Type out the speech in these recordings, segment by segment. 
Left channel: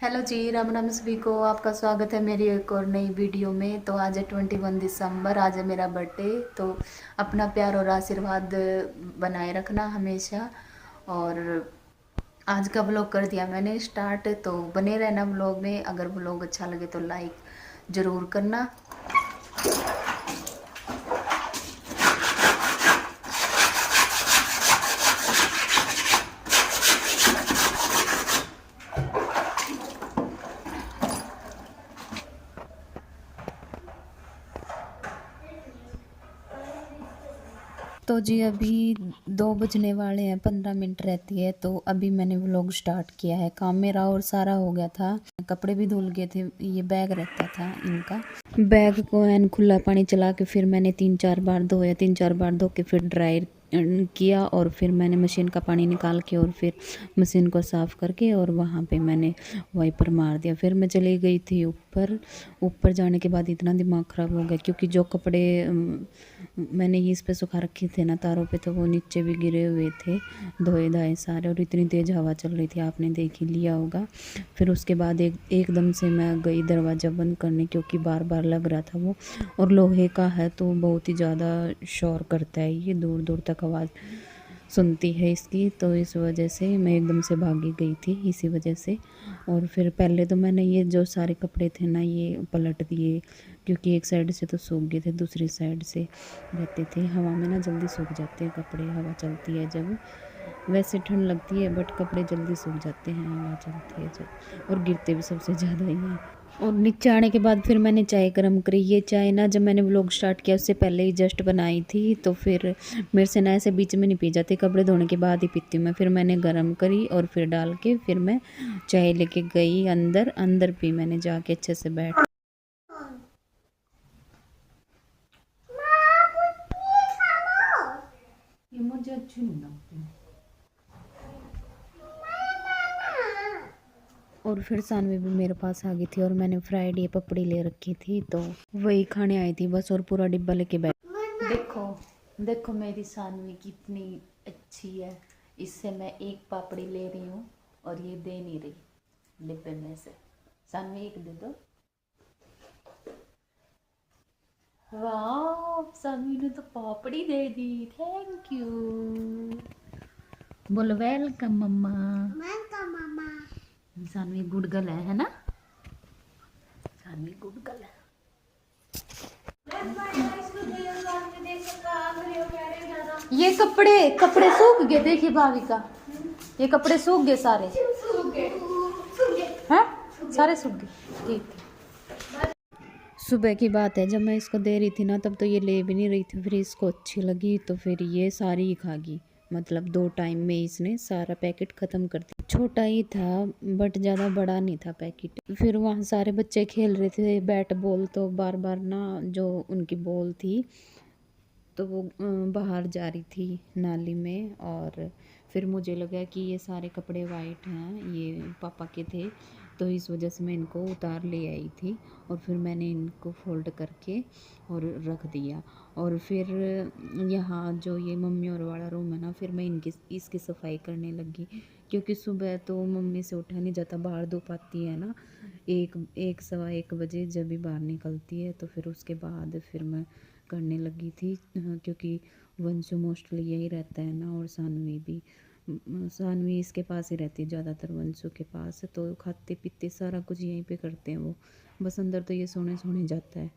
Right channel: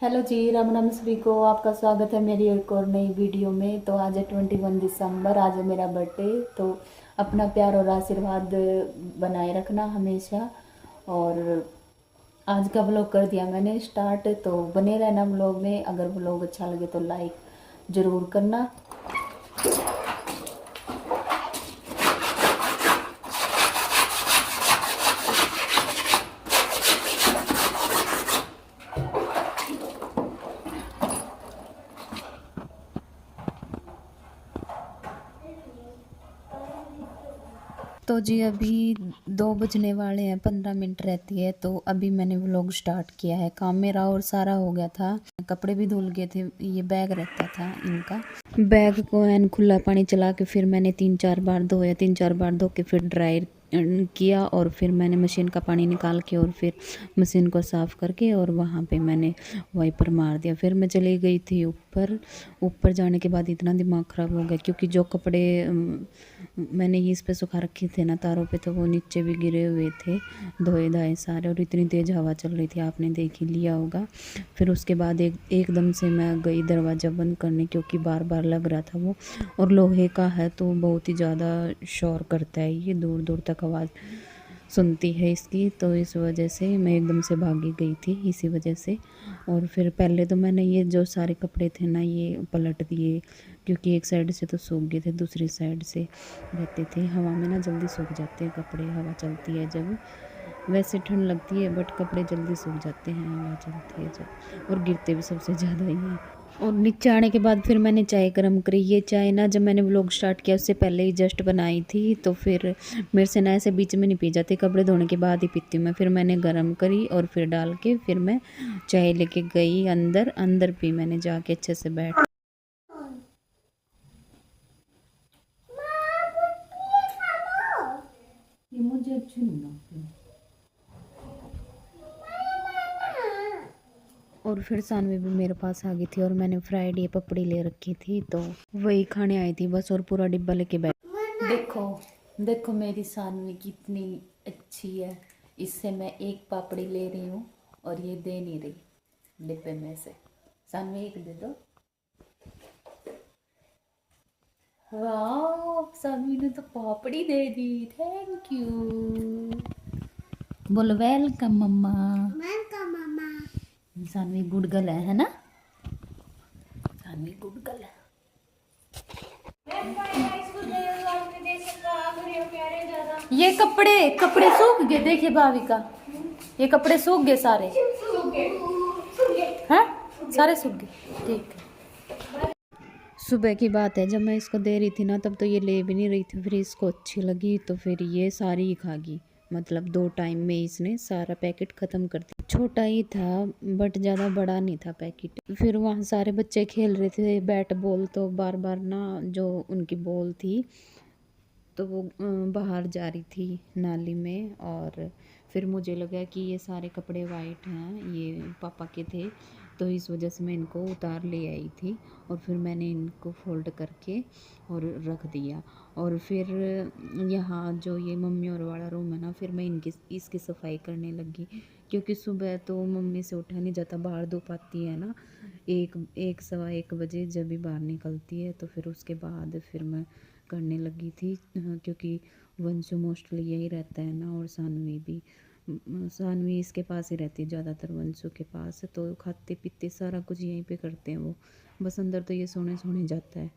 Hello जी, राम राम सभी को। आपका स्वागत है मेरी एक और नई वीडियो में। तो आज है 21 दिसंबर, आज है मेरा बर्थडे। तो अपना प्यार और आशीर्वाद बनाए रखना हमेशा। और आज का व्लॉग कर दिया मैंने स्टार्ट, तो बने रहना व्लॉग में। अगर व्लॉग अच्छा लगे तो लाइक ज़रूर करना। तो जी अभी 2 बजने वाले हैं, 15 मिनट रहती है। तो अभी मैंने व्लॉग स्टार्ट किया है। काम मेरा और सारा हो गया था, कपड़े भी धुल गए थे। ये बैग रहता था इनका, बैग को एन खुला पानी चला के फिर मैंने 3-4 बार धोया, 3-4 बार धो के फिर ड्राई किया। और फिर मैंने मशीन का पानी निकाल के और फिर मशीन को साफ़ करके और वहाँ पे मैंने वाइपर मार दिया। फिर मैं चली गई थी ऊपर। ऊपर जाने के बाद इतना दिमाग ख़राब हो गया, क्योंकि जो कपड़े मैंने इस पे सुखा रखे थे ना तारों पे, तो वो नीचे भी गिरे हुए थे धोए धाए सारे। और इतनी तेज़ हवा चल रही थी, आपने देख ही लिया होगा। फिर उसके बाद एकदम से मैं गई दरवाज़ा बंद करने, क्योंकि बार बार लग रहा था वो। और लोहे का है तो बहुत ही ज़्यादा शोर करता है, ये दूर दूर तक आवाज़ सुनती है इसकी। तो इस वजह से मैं एकदम से भागी गई थी इसी वजह से। और फिर पहले तो मैंने ये जो सारे कपड़े थे ना ये पलट दिए, क्योंकि एक साइड से तो सूख गए थे, दूसरी साइड से रहते थे। हवा में ना जल्दी सूख जाते हैं कपड़े, हवा चलती है जब। वैसे ठंड लगती है बट कपड़े जल्दी सूख जाते हैं हवा चलती है जब, और गिरते भी सबसे ज़्यादा ही हैं। और नीचे आने के बाद फिर मैंने चाय गर्म करी। ये चाय ना जब मैंने व्लॉग स्टार्ट किया उससे पहले ही जस्ट बनाई थी, तो फिर मेरे से ना ऐसे बीच में नहीं पी जाती, कपड़े धोने के बाद ही पीती हूँ मैं। फिर मैंने गर्म करी और फिर डाल के फिर मैं चाय लेके गई अंदर। अंदर पी मैंने जाके अच्छे से बैठ। ये मुझे अच्छी नहीं लगती। और फिर सानवी भी मेरे पास आ गई थी और मैंने फ्राइड ये पपड़ी ले रखी थी, तो वही खाने आई थी बस। और पूरा डिब्बा लेके बैठ। देखो देखो मेरी सानवी कितनी अच्छी है। इससे मैं एक पापड़ी ले रही हूँ और ये दे नहीं रही डिब्बे में से। सानवी एक दे दो। वाह, सानवी ने तो पापड़ी दे दी, थैंक यू। बोलो वेलकम मम्मा। वेलकम मम्मा। सानवी गुड गर्ल है ना? सानवी गुड गर्ल है। ये कपड़े कपड़े सूख गए, देखिए भाविका, ये कपड़े सूख गए सारे। हैं? सारे सूख गए, ठीक। सुबह की बात है, जब मैं इसको दे रही थी ना तब तो ये ले भी नहीं रही थी। फिर इसको अच्छी लगी तो फिर ये सारी ही खा गई। मतलब 2 टाइम में इसने सारा पैकेट ख़त्म कर दिया। छोटा ही था बट ज़्यादा बड़ा नहीं था पैकेट। फिर वहाँ सारे बच्चे खेल रहे थे बैट बॉल, तो बार बार ना जो उनकी बॉल थी तो वो बाहर जा रही थी नाली में। और फिर मुझे लगा कि ये सारे कपड़े वाइट हैं, ये पापा के थे, तो इस वजह से मैं इनको उतार ले आई थी। और फिर मैंने इनको फोल्ड करके और रख दिया। और फिर यहाँ जो ये मम्मी और वाला रूम है ना, फिर मैं इसकी सफाई करने लगी, क्योंकि सुबह तो मम्मी से उठा नहीं जाता, बाहर धूप आती है ना, 1-1 बजे जब भी बाहर निकलती है। तो फिर उसके बाद फिर मैं करने लगी थी, क्योंकि वंशु मोस्टली यही रहता है ना, और सानवी भी। सानवी इसके पास ही रहती है ज़्यादातर, वंशु के पास, तो खाते पीते सारा कुछ यहीं पे करते हैं वो। बस अंदर तो ये सोने सोने जाता है।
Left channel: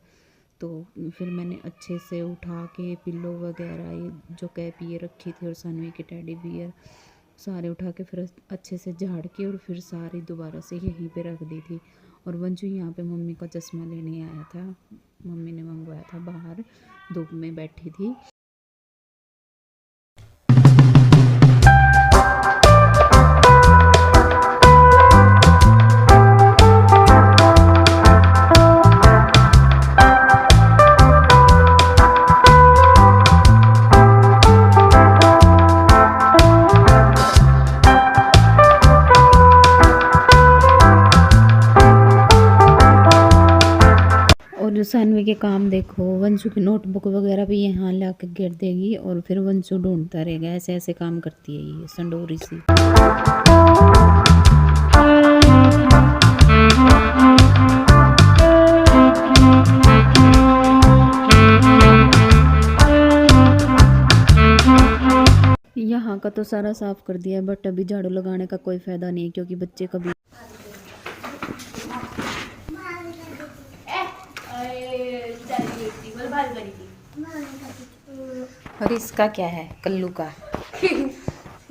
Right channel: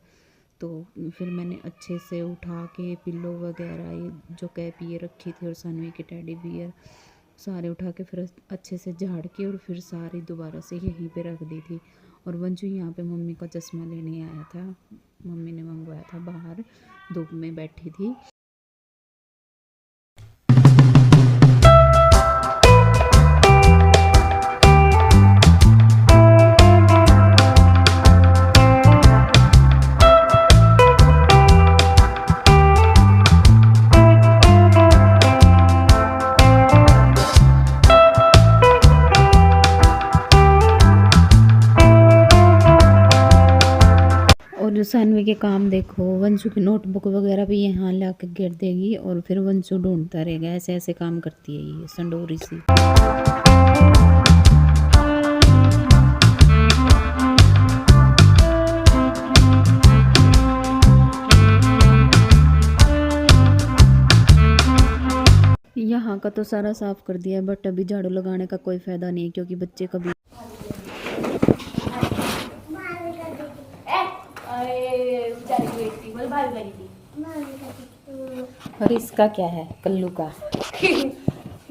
तो फिर मैंने अच्छे से उठा के पिल्लो वगैरह, ये जो कैप ये रखी थी और सानवी के टेडी बियर सारे उठा के फिर अच्छे से झाड़ के और फिर सारी दोबारा से यहीं पे रख दी थी। और वंशु यहाँ पे मम्मी का चश्मा लेने आया था, मम्मी ने मंगवाया था, बाहर धूप में बैठी थी। और सानवी के काम देखो, वंशु की नोटबुक वगैरह भी यहाँ ला के गिर देगी और फिर वंशु ढूंढता रहेगा। ऐसे ऐसे काम करती है ये संडोरी सी। तो सारा साफ कर दिया है, बट अभी झाड़ू लगाने का कोई फायदा नहीं है क्योंकि बच्चे कभी। और इसका क्या है कल्लू का?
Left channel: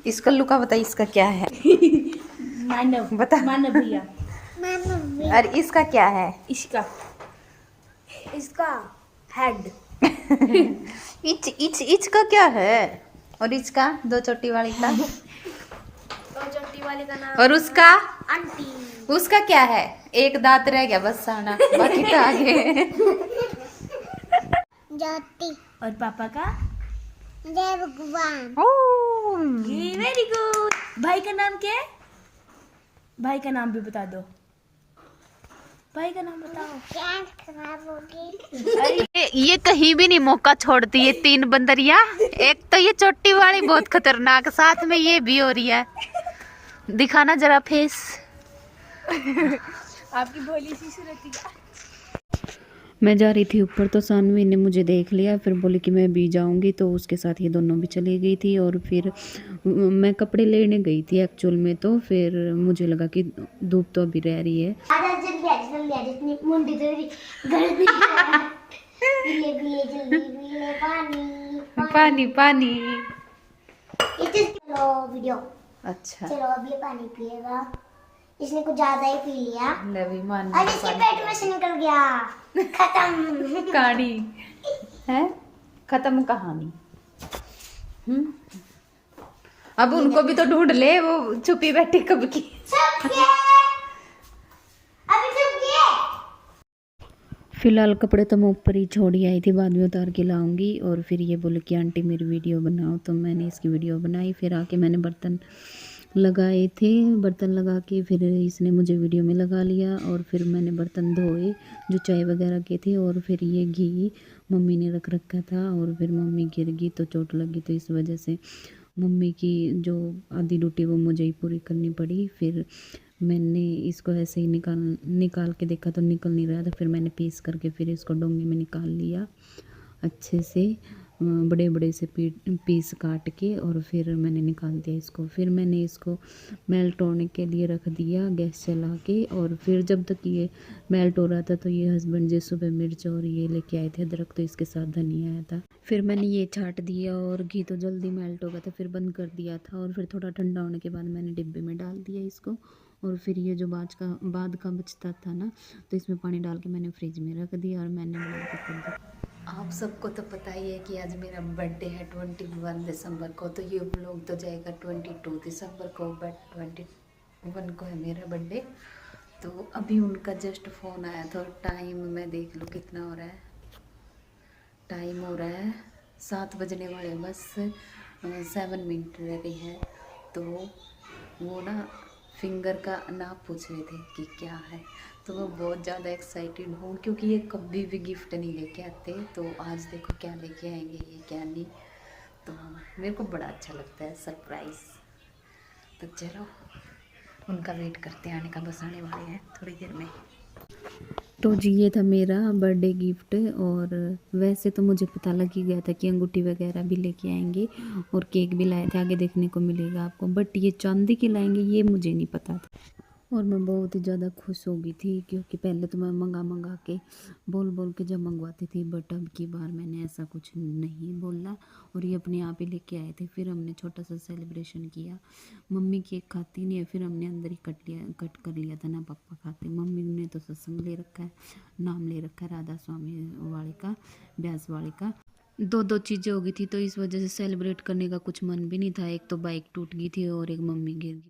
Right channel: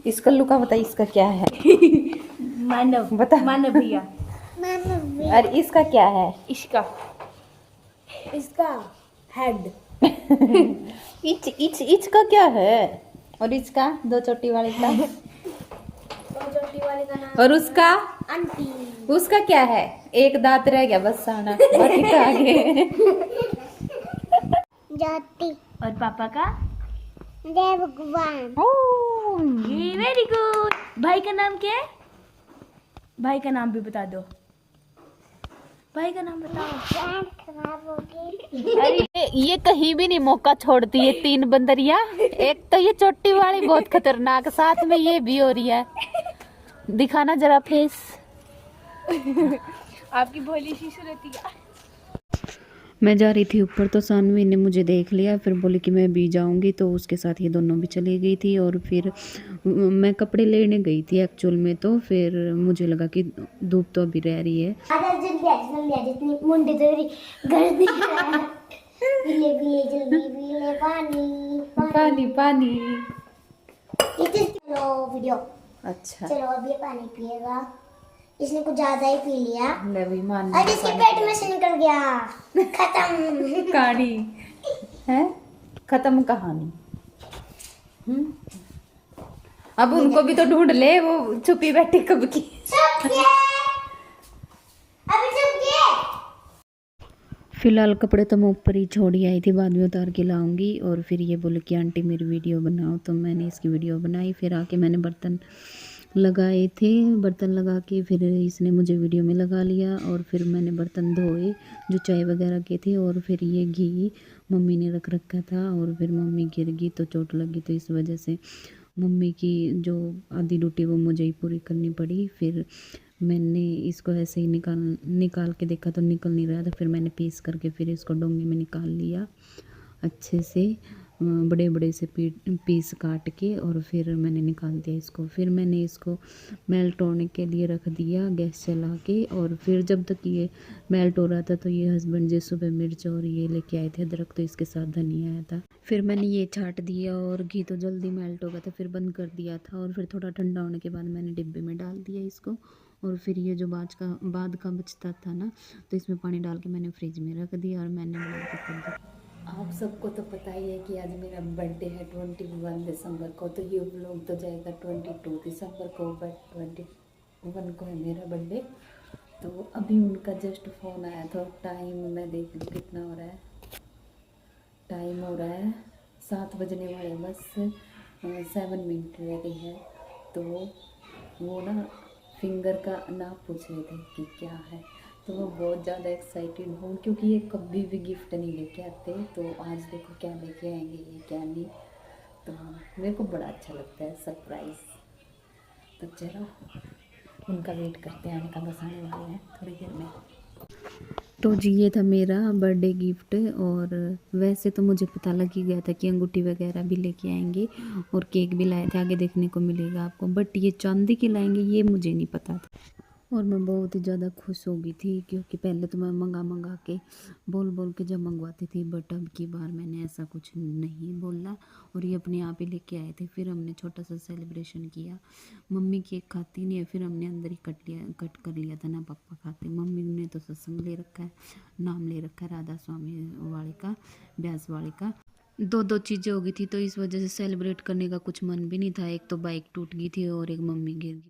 इस कल्लू का बता, इसका क्या है? मानव, बता। मानव भैया। और इसका क्या है? इसका हेड। इच का क्या है? और इसका दो चोटी वाले का? चोटी वाले का नाम और उसका? आंटी। उसका क्या है? एक दांत रह गया बस साना, बाकी तो आगे। जाती। और पापा का जय भगवान। Very good. भाई का नाम क्या है? भाई का नाम भी बता दो। भाई का नाम बताओ। ये कहीं भी नहीं मौका छोड़ती है, तीन बंदरिया। एक तो ये चोटी वाली बहुत खतरनाक, साथ में ये भी हो रही है। दिखाना जरा फेस। आपकी भोली सी सूरत। मैं जा रही थी ऊपर तो सानवी ने मुझे देख लिया, फिर बोली कि मैं भी जाऊंगी, तो उसके साथ ये दोनों भी चली गई थी। और फिर मैं कपड़े लेने गई थी एक्चुअल में, तो फिर मुझे लगा कि धूप तो अभी रह रही है। पानी पानी। चलो वीडियो। अच्छा चलो अब ये पानी पिएगा। इसने कुछ ज्यादा ही पी लिया मान और इसके पेट में से निकल गया। खत्म कहानी है, खत्म कहानी। अब उनको भी तो ढूंढ ले, वो छुपी बैठी कब की। फिलहाल कपड़े तो मैं ऊपर ही छोड़ी आई थी, बाद में उतार के लाऊंगी। और फिर ये बोले कि आंटी मेरी वीडियो बनाओ, तो मैंने इसकी वीडियो बनाई। फिर आके मैंने बर्तन लगाए थे, बर्तन लगा के फिर इसने मुझे वीडियो में लगा लिया। और फिर मैंने बर्तन धोए जो चाय वगैरह के थे। और फिर ये घी मम्मी ने रख रखा था, और फिर मम्मी गिर गई तो चोट लगी, तो इस वजह से मम्मी की जो आधी ड्यूटी वो मुझे ही पूरी करनी पड़ी। फिर मैंने इसको ऐसे ही निकाल के देखा तो निकल नहीं रहा था। फिर मैंने पीस करके फिर इसको डोंगे में निकाल लिया अच्छे से, बड़े बड़े से पीस काट के। और फिर मैंने निकाल दिया इसको। फिर मैंने इसको मेल्ट होने के लिए रख दिया गैस चला के। और फिर जब तक ये मेल्ट हो रहा था तो ये हस्बैंड जी सुबह मिर्च और ये लेके आए थे अदरक, तो इसके साथ धनिया आया था। फिर मैंने ये छाट दिया और घी तो जल्दी मेल्ट हो गया था, फिर बंद कर दिया था। और फिर थोड़ा ठंडा होने के बाद मैंने डिब्बे में डाल दिया इसको। और फिर ये जो बाद का बचता था ना, तो इसमें पानी डाल के मैंने फ्रिज में रख दिया और मैंने बना के कर दिया। आप सबको तो पता ही है कि आज मेरा बर्थडे है 21 दिसंबर को, तो ये व्लॉग तो जाएगा 22 दिसंबर को, बट 21 को है मेरा बर्थडे। तो अभी उनका जस्ट फ़ोन आया था। टाइम मैं देख लूँ कितना हो रहा है। टाइम हो रहा है 7 बजने वाले, बस 7 मिनट रह गई है। तो वो ना फिंगर का नाप पूछ रहे थे कि क्या है, तो मैं बहुत ज़्यादा एक्साइटेड हूँ क्योंकि ये कभी भी गिफ्ट नहीं लेके आते। तो आज देखो क्या लेके आएंगे ये, क्या नहीं। तो मेरे को बड़ा अच्छा लगता है सरप्राइज़। तो चलो उनका वेट करते हैं, आने का, बस आने वाले हैं थोड़ी देर में। तो जी ये था मेरा बर्थडे गिफ्ट। और वैसे तो मुझे पता लग ही गया था कि अंगूठी वगैरह भी लेके आएंगे और केक भी लाए थे, आगे देखने को मिलेगा आपको। बट ये चांदी की लाएंगे ये मुझे नहीं पता था। और मैं बहुत ही ज़्यादा खुश हो गई थी क्योंकि पहले तो मैं मंगा के बोल के जब मंगवाती थी, बट अब की बार मैंने ऐसा कुछ नहीं बोला और ये अपने आप ही लेके आए थे। फिर हमने छोटा सा सेलिब्रेशन किया। मम्मी केक खाती नहीं है, फिर हमने अंदर ही कट कर लिया था ना, पापा खाते। मम्मी ने तो सत्संग ले रखा है, नाम ले रखा है राधा स्वामी वाले का, ब्यास वाले का। दो चीज़ें हो गई थी, तो इस वजह से सेलिब्रेट करने का कुछ मन भी नहीं था। एक तो बाइक टूट गई थी और एक मम्मी गिर गई।